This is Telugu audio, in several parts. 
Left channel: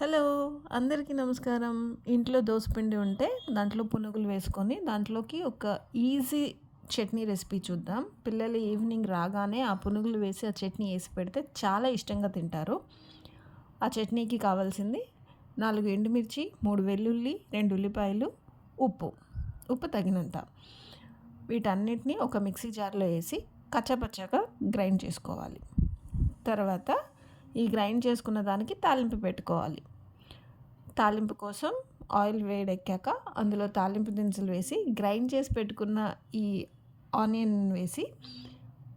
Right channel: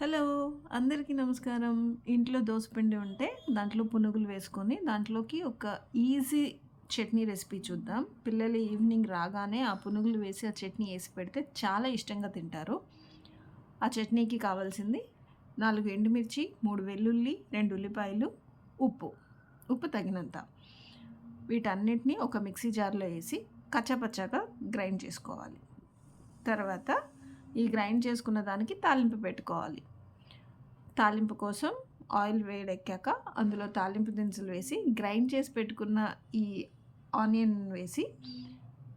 హలో! అందరికీ నమస్కారం. ఇంట్లో దోసపిండి ఉంటే దాంట్లో పునుగులు వేసుకొని దాంట్లోకి ఒక ఈజీ చట్నీ రెసిపీ చూద్దాం. పిల్లలు ఈవినింగ్ రాగానే ఆ పునుగులు వేసి ఆ చట్నీ ఏసి పెడితే చాలా ఇష్టంగా తింటారు. ఆ చట్నీకి కావాల్సింది 4 ఎండుమిర్చి, 3 వెల్లుల్లి, 2 ఉల్లిపాయలు, ఉప్పు. ఉప్పు తగినంత. వీటన్నిటిని ఒక మిక్సీ జార్‌లో ఏసి కచ్చాపచ్చాగా గ్రైండ్ చేసుకోవాలి. తర్వాత ఈ గ్రైండ్ చేసుకున్న దానికి తాలింపు పెట్టుకోవాలి. తాలింపు కోసం ఆయిల్ వేడెక్కాక అందులో తాలింపు దినుసులు వేసి గ్రైండ్ చేసి పెట్టుకున్న ఈ ఆనియన్ వేసి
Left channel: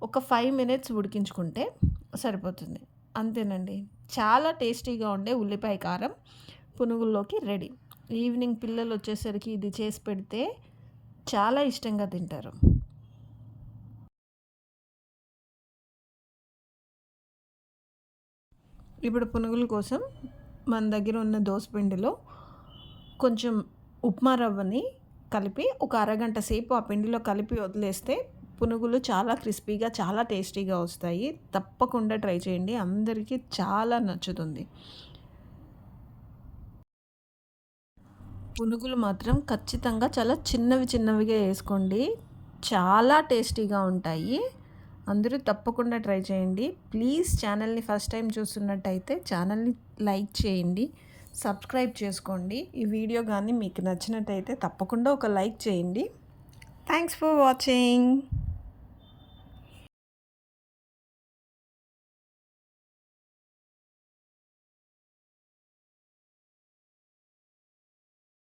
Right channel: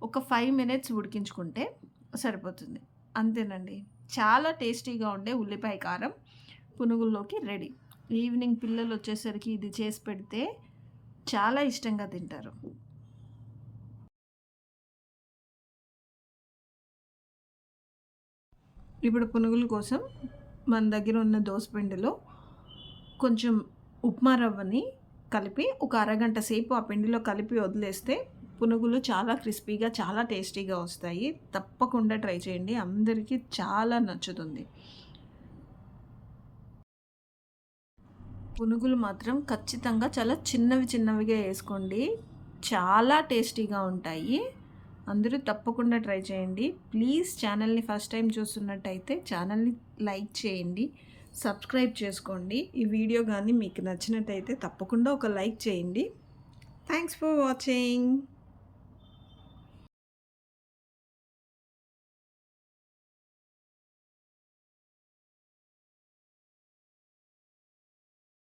ఒక 5 మినిట్స్ ఉడికించుకుంటే సరిపోతుంది. అంతేనండి. చాలా టేస్టీగా ఉండే ఉల్లిపాయ కారం పునుగుల్లోకి రెడీ. ఈవినింగ్ పిల్లలు వచ్చేసరికి ఇది చేసి పెడితే చాలా ఇష్టంగా తింటారు. ఇప్పుడు పునుగుల కోసం మన దగ్గర ఉన్న దోసపిండిలో కొంచెం ఉప్మా రవ్వని కలిపి ఒక అరగంట సేపు ఆ పిండిలో కలిపి వదిలేస్తే పునుగులు చాలా క్రిస్పీగా, చాలా టేస్టీగా వస్తాయి. తప్పకుండా ట్రై చేయండి. అందరికీ చాలా నచ్చుతుంది. పునుగులు మాత్రం ఖచ్చితంగా చాలా చిన్నవి చిన్నవిగా వేసుకోండి. చాలా టేస్టీగా ఉంటాయి. అందరూ తప్పకుండా ట్రై చేయండి. ప్లీజ్ ఛానల్ని ఫస్ట్ టైం చూస్తున్నట్టయితే ఛానల్ని లైక్ చేయండి, సబ్స్క్రైబ్ చేసుకోండి. ఈ వీడియో కానీ మీకు నచ్చినట్టయితే తప్పకుండా ఒక లైక్ చేయండి. Thanks for watching.